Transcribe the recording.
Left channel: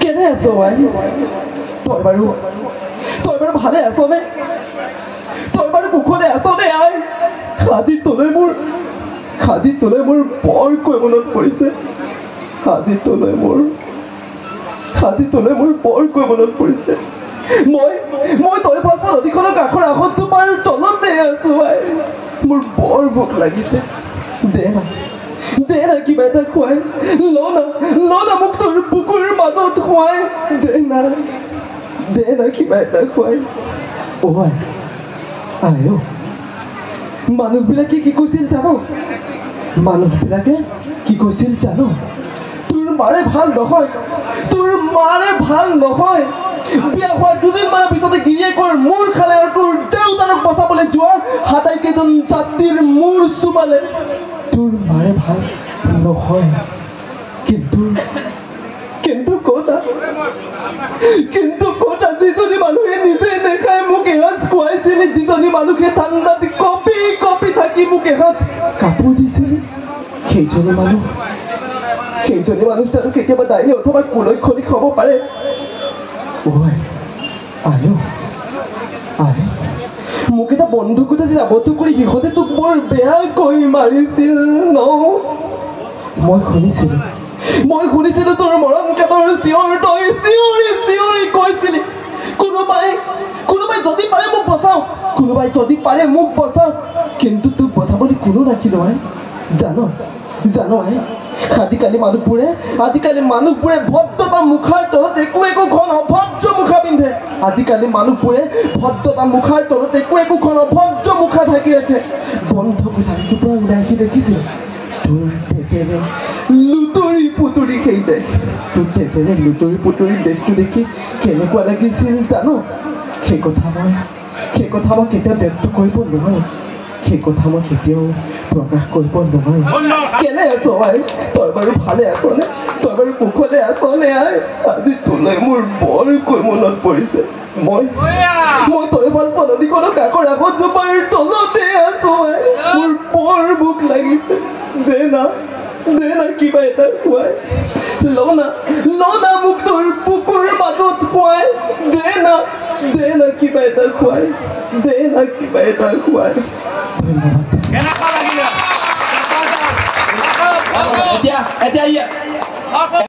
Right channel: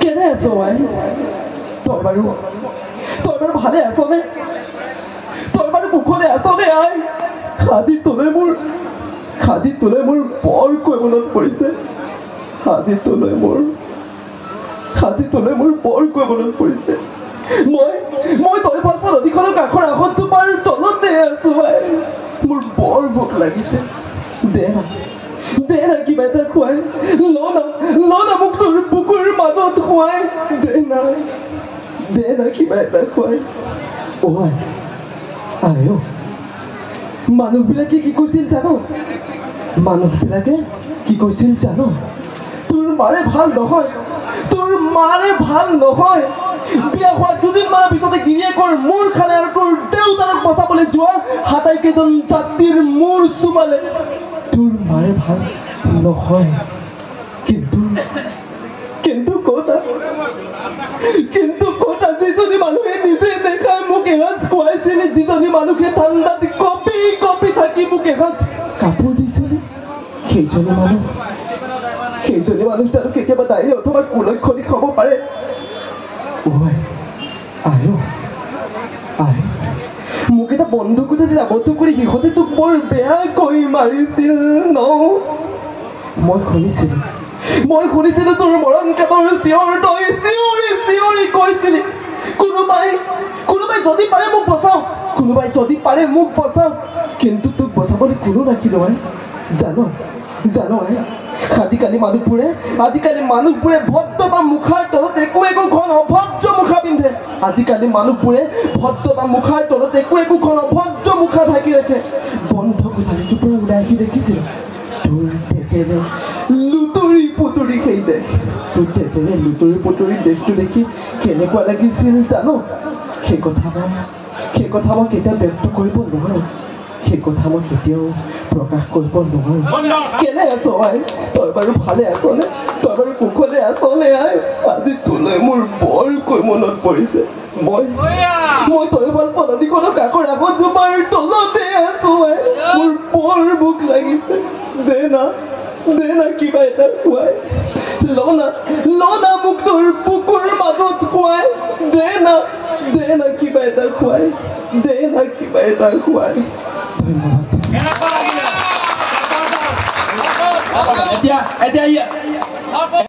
কেনে আছ আই তই বাৰু ভালে আছনে তই বাৰু মুখলে আছনে আই আজি তোলৈ মোৰ বৰকৈ মনত পৰিছে আজি তোলৈ মোৰ বৰকৈ মনত পৰিছে মই তৈফাল নদীখনৰ কাষৰ আহতজোপাৰ তলতে আছো আই মোৰ বৰ ভোক লাগিছে দে না কিবা এটা খুৱাই ল না মোক তোৰ বুকুৰ মাজত খুৱাই দে না কিবা এটা খুৱাই আই মানুহবিলাকে কি কৈছিল জানো তোৰ মাৰে ভাল নহয় বিয়া হোৱাৰ দুদিনমানৰ পিছতে গিৰিয়েকৰ মূৰ খালে আৰু তোৰ দেউতাৰক বচাবলৈ যোৱা হাতাইকেইজন জাতিৰ মূৰ চুমালে তোৰ মাৰে ভাল নহয় কিন্তু ক'ত যিজনী মানুহে নিজে নেখাই মোক এসাঁজ খুৱাইছিল যিজনী মানুহে ঠাণ্ডাত কঁপি থাকি মোক এসাঁজ কাপোৰ দিছিল সেইজনী মানুহ জানো কেতিয়াবা ডায়েৰী অথবা কুলক্ষণিক হ'ব পাৰে মোক এটা বন্দুকতে আবদ্ধ কৰি সিহঁতে তোক বৰ বেয়াকৈ মাৰিছিল ন মই শুনিছিলো তোৰ মৰণ কাতৰ চিঞৰ তই চিঞৰি কৈছিলি কোনোবাই যদি পাৰে মোক বচাও কিন্তু তোক বচাবলৈ কোনো নাছিল জানো আজিকালি মানুহবোৰে ভদ্ৰতা মুখাৰ তলত একোখন অভদ্ৰ মুখা পিন্ধে একোখন অভদ্ৰ মুখা ঢাকি ৰাখে বন্ধ কোঠাটোৰ পৰা ওলাই আহি দেখিছিল তোৰ তেজেৰে লুতৰি পুতৰি সেই দেশ দেশটো দেখি কেনেকুৱা লাগিছিল জানো সেই কথা মই কেতিয়াও ব্যক্ত কৰিব নোৱাৰো প্ৰকাশ কৰিব নোৱাৰো কেনে আছ আই তই বাৰু ভালে আছনে তই বাৰু কুশলে আছনে আই আজি তোলৈ মোৰ বৰকৈ মনত পৰিছে মই তৈফাল নদীখনৰ কাষৰ আহতজোপাৰ তলতে আছো আই মোৰ বৰ ভোক লাগিছে দে না কিবা এটা খুৱাই ল না মোক তোৰ বুকুৰ মাজত খুৱাই দে না কিবা এটা খুৱাই ধন্যবাদ।